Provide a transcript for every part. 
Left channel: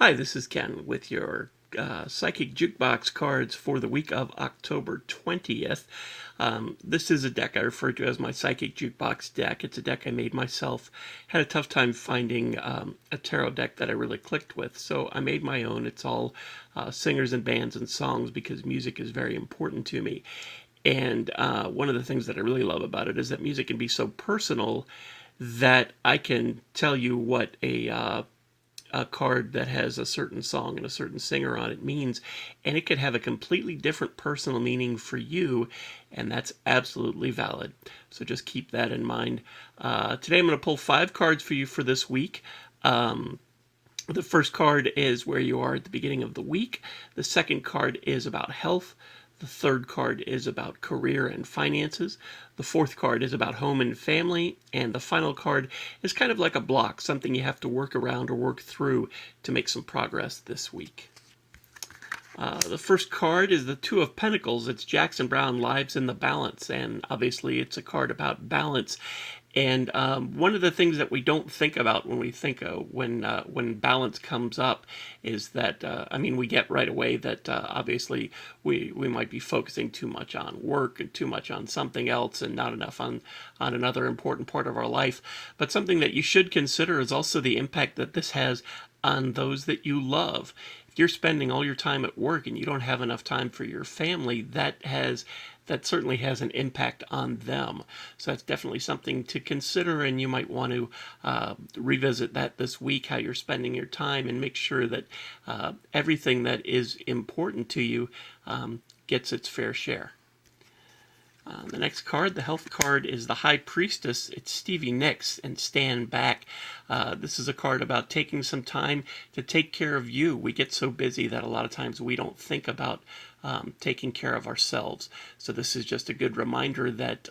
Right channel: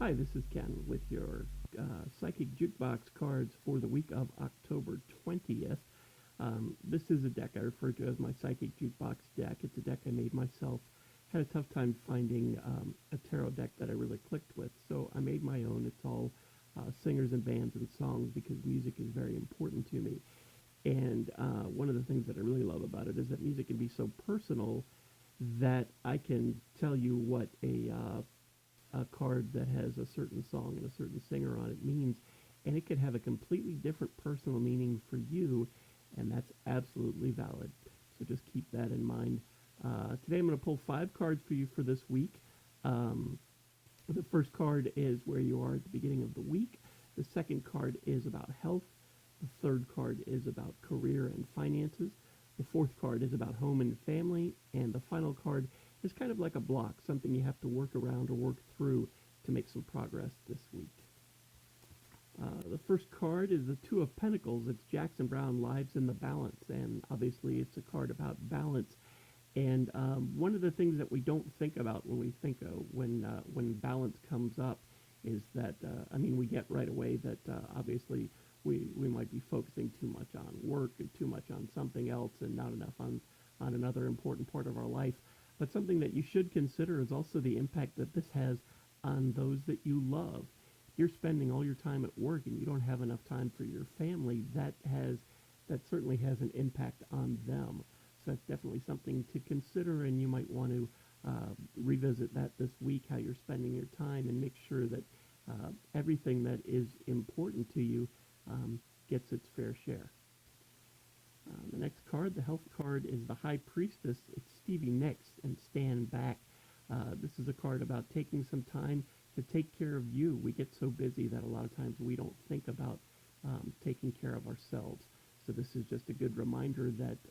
Hi, this is Ken with your Psychic Jukebox cards for the week of October 20th. This is a deck I refer to as my Psychic Jukebox deck. It's a deck I made myself. Had a tough time finding a tarot deck that I really clicked with, so I made my own. It's all singers and bands and songs because music is very important to me. And one of the things that I really love about it is that music can be so personal that I can tell you what a card that has a certain song and a certain singer on it means, and it could have a completely different personal meaning for you, and that's absolutely valid. So just keep that in mind. Today I'm going to pull 5 cards for you for this week. The first card is where you are at the beginning of the week. The second card is about health. The third card is about career and finances. The fourth card is about home and family. And the final card is kind of like a block, something you have to work around or work through to make some progress this week. The first card is the Two of Pentacles. It's Jackson Browne, Lives in the Balance, and obviously it's a card about balance. And one of the things that we don't think about when we think when balance comes up is that we get right away that obviously we might be focusing too much on work and too much on something else and not enough on another important part of our life. But something that you should consider is also the impact that this has on those that you love. If you're spending all your time at work and you don't have enough time for your family, that certainly has an impact on them. So that's definitely something to consider, and you might want to revisit that this week, how you're spending your time, and make sure that everything that is important to you gets its fair share. The next card, the health card, is the High Priestess. It's Stevie Nicks and Stand Back. This is a card about taking some time to take care of you. We get so busy that a lot of times we don't think about taking care of ourselves. So this is just a good reminder that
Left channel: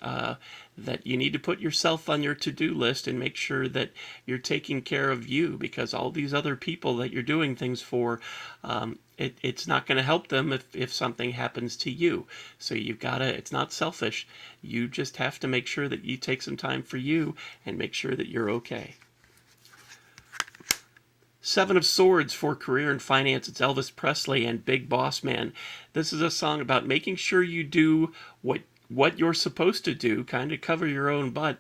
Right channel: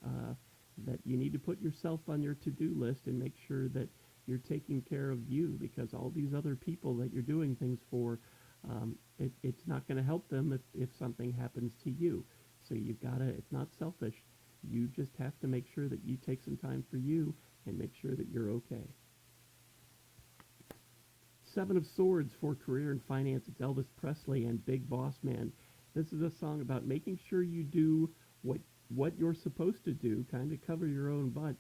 that you need to put yourself on your to-do list and make sure that you're taking care of you, because all these other people that you're doing things for, it's not going to help them if something happens to you. So you've got to, it's not selfish. You just have to make sure that you take some time for you and make sure that you're okay. Seven of Swords for career and finance. It's Elvis Presley and Big Boss Man. This is a song about making sure you do what you're supposed to do, kind of cover your own butt,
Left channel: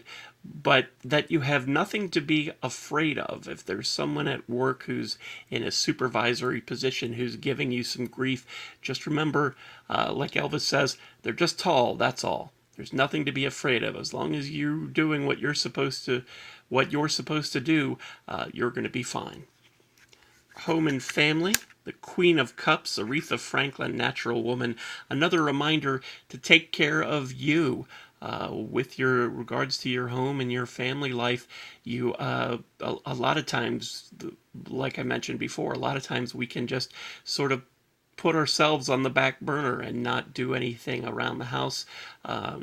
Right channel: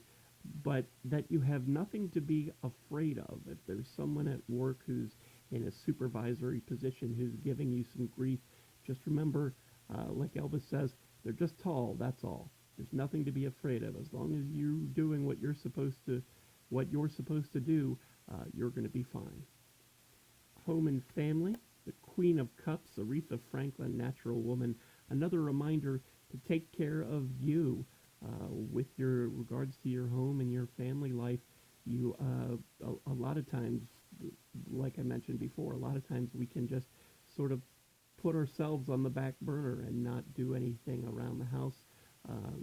but that you have nothing to be afraid of. If there's someone at work who's in a supervisory position who's giving you some grief, just remember, like Elvis says, they're just tall, that's all. There's nothing to be afraid of. As long as you're doing what you're supposed to do, you're going to be fine. Home and family. The Queen of Cups, Aretha Franklin, Natural Woman. Another reminder to take care of you. With your regards to your home and your family life, you a lot of times, like I mentioned before, a lot of times we can just sort of put ourselves on the back burner and not do anything around the house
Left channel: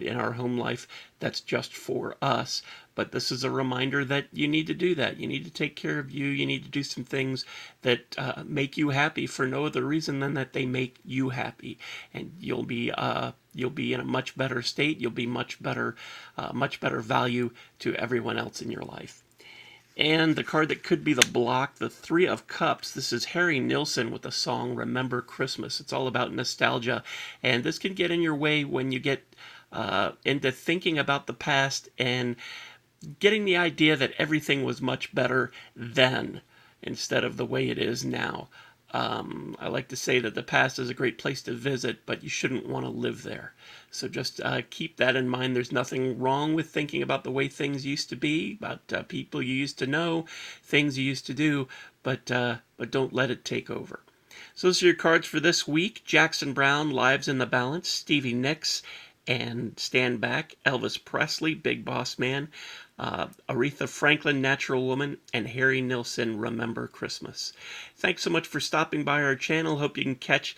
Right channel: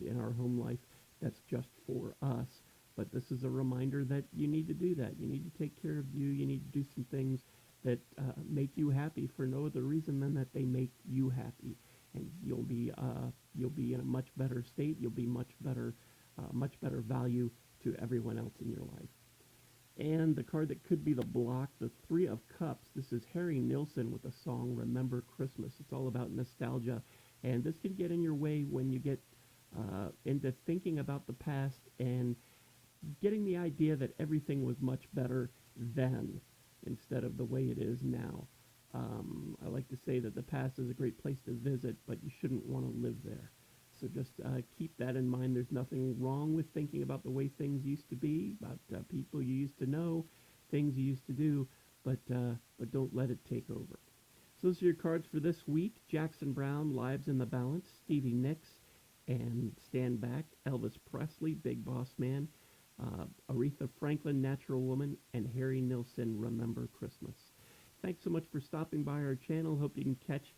in our home life that's just for us. But this is a reminder that you need to do that. You need to take care of you. You need to do some things that make you happy for no other reason than that they make you happy, and you'll be in a much better state. You'll be much better value to everyone else in your life. And the card that could be the block, the Three of Cups. This is Harry Nilsson with the song Remember Christmas. It's all about nostalgia, and this can get in your way when you get into thinking about the past and getting the idea that everything was much better then instead of the way it is now. I like to say that the past is a great place to visit, but you shouldn't want to live there. So just keep that in mind. There's nothing wrong with thinking about the way things used to be, about people you used to know, things you used to do, but don't let it take over. So those are your cards for this week. Jackson Browne, Lives in the Balance. Stevie Nicks and Stand Back. Elvis Presley, Big Boss Man. Aretha Franklin, Natural Woman, and Harry Nilsson, Remember Christmas. Thanks so much for stopping by our channel. Hope you can catch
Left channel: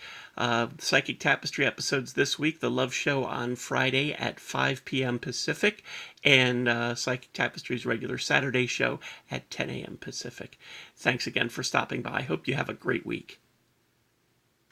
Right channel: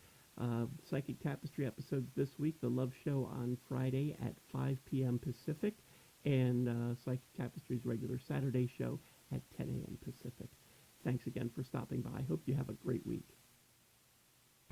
Psychic Tapestry episodes this week, the Love Show on Friday at 5 p.m. Pacific, and Psychic Tapestry's regular Saturday show at 10 a.m. Pacific. Thanks again for stopping by. Hope you have a great week.